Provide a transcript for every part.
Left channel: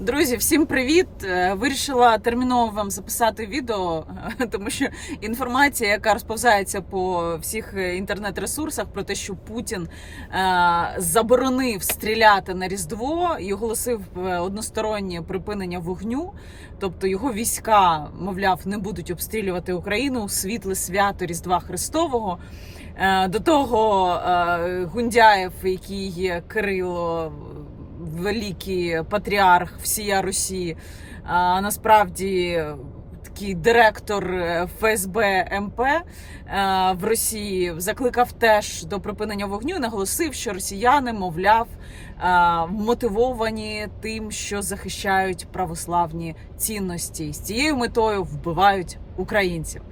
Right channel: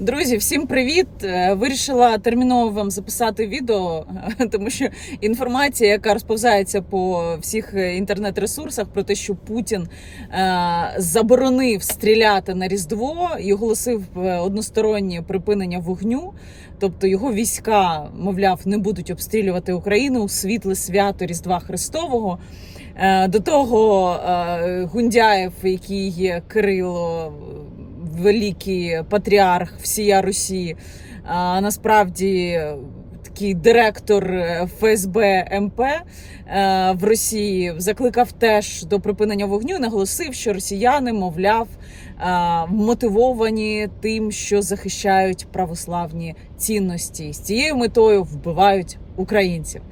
Друзі, всім привіт! Е, Вирішила терміново вам записати відео, тому що інформація, яка розповзається по всіх інтернет-ресурсах про те, що Путін е, заборонив стріляти на Різдво і оголосив е, одностороннє припинення вогню. Тобто його війська, мовляв, не будуть обстрілювати Україну у світле свято Різдва Христового. Е, До того е, Гундяєв, який є Кирило, великий патріарх всія Росії, а насправді такий директор е, ФСБ МП е, в Росії закликав теж до припинення вогню. і Наголосив, що росіяни, мовляв, е, мотивовані тим, що захищають православні цінності, з цією метою вбивають українців.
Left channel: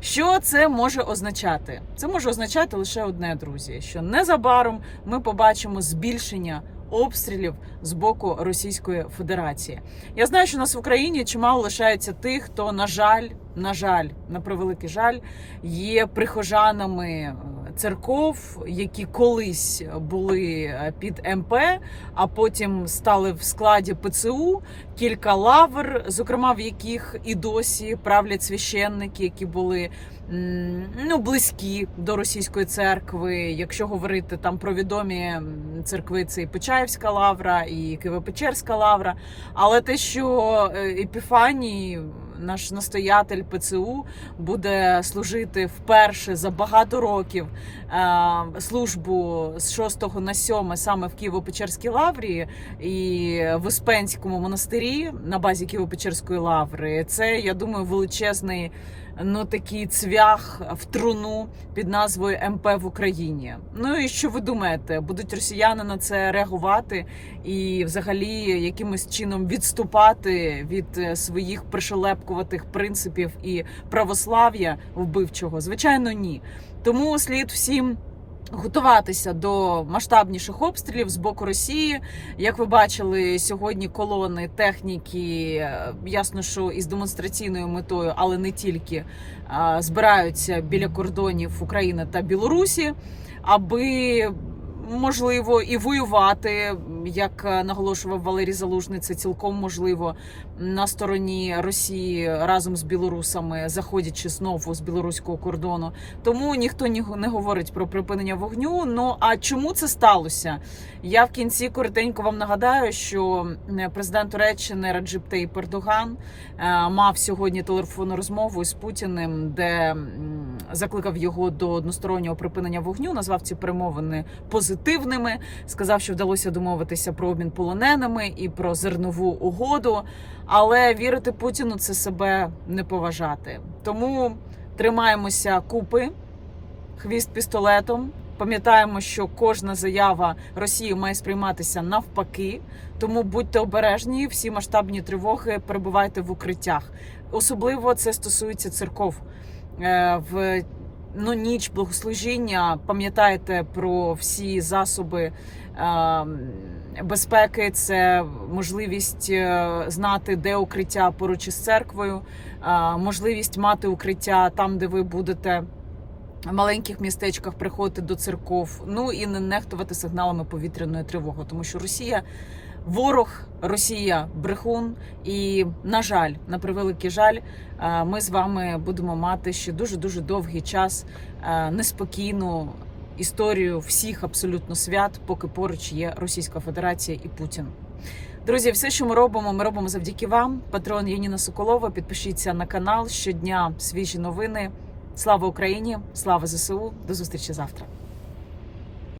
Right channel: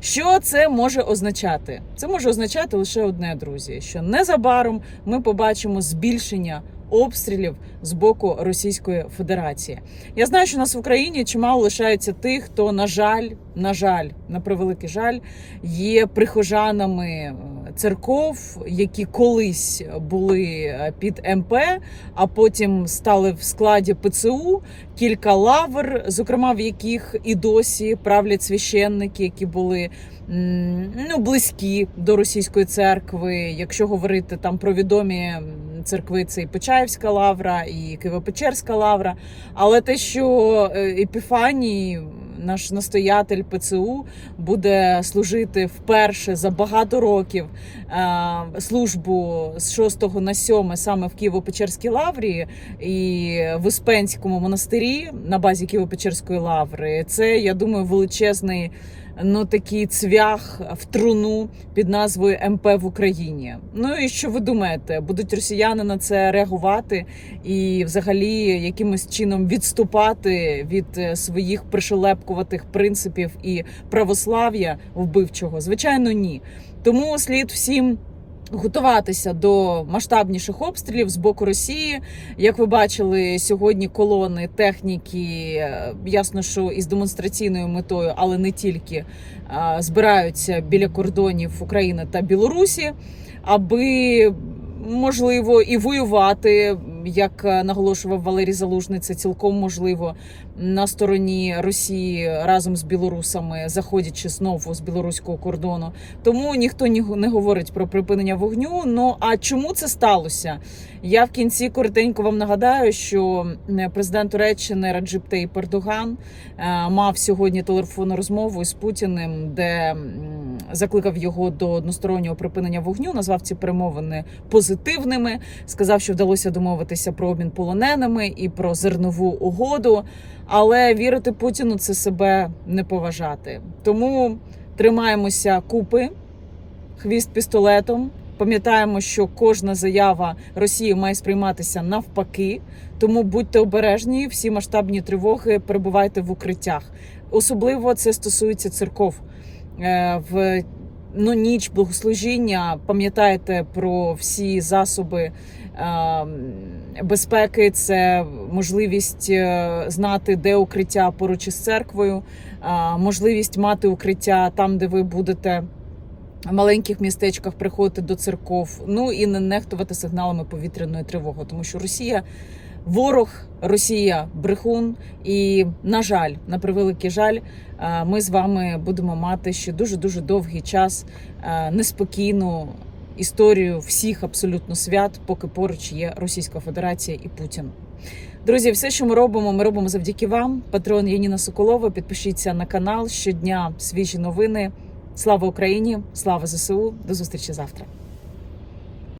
Що це може означати? Це може означати лише одне, друзі: що незабаром ми побачимо збільшення обстрілів з боку Російської Федерації. Я знаю, що нас в Україні чимало лишається тих, хто, на жаль, на жаль, на превеликий жаль, є прихожанами церков, які колись були е, під МП, а потім стали в складі ПЦУ. Кілька лавр, зокрема в яких і досі правлять священники, які були ну близькі до російської церкви. Якщо говорити там про відомі церкви, це і Почаївська лавра, і Києво-Печерська лавра. Але те, що е, Епіфаній, наш настоятель ПЦУ, буде служити вперше за багато років е, службу з 6 на 7 саме в Києво-Печерській лаврі і в Успенському монастирі на базі Києво-Печерської лаври. Це я думаю величезний. Ну, такий цвях в труну під назвою МП в Україні. Ну і що ви думаєте, будуть росіяни на це реагувати і, взагалі, якимось чином відступати від е, своїх пришелепкуватих принципів і православ'я вбивчого? Звичайно, ні. Тому слід всім. Готуватися до масштабніших обстрілів з боку Росії, як ви бачили сьогодні, колони техніки, е, ясно, що із демонстраційною метою, але не тільки е, збираються біля кордонів України та Білорусі, аби можливо і воювати, як е, наголошував Валерій Залужний, це цілком можливо на стороні Росії разом з білорусами, заходячи знову з білоруського кордону. Тому ніхто ні- не говорить про припинення вогню. Ну а чому це сталося? Я в кінці коротенько вам нагадаю, що президент Туреччини Раджип Таїп Ердоган е, мав сьогодні телефонну розмову з Путіним, де закликав його до одностороннього припинення вогню. Назвав ці перемовини позитивними. Сказав, що вдалося домовитися про обмін полоненими і про зернову угоду. Але вірити Путіну це себе не поважати. Тому тримаємося купи, хвіст пістолетом. Пам'ятаємо, що кожна заява Росії має сприйматися навпаки. Тому будьте обережні, всі масштабні тривоги перебувайте в укриттях. Особливо це стосується церков. Е, В ну, ніч благослужіння пам'ятайте про всі засоби е, безпеки. Це можливість е, знати, де укриття поруч із церквою, можливість мати укриття там, де ви будете маленьких містечках приходити до церков. Ну і не нехтувати сигналами повітряної тривоги, тому що Росія. Ворог, Росія, брехун, і на жаль, на превеликий жаль, е, ми з вами будемо мати ще дуже дуже довгий час е, неспокійну історію всіх абсолютно свят, поки поруч є Російська Федерація і Путін. Друзі, все, що ми робимо, ми робимо завдяки вам. Патрон Яніна Соколова. Підпишіться на канал щодня свіжі новини. Слава Україні! Слава ЗСУ! До зустрічі завтра.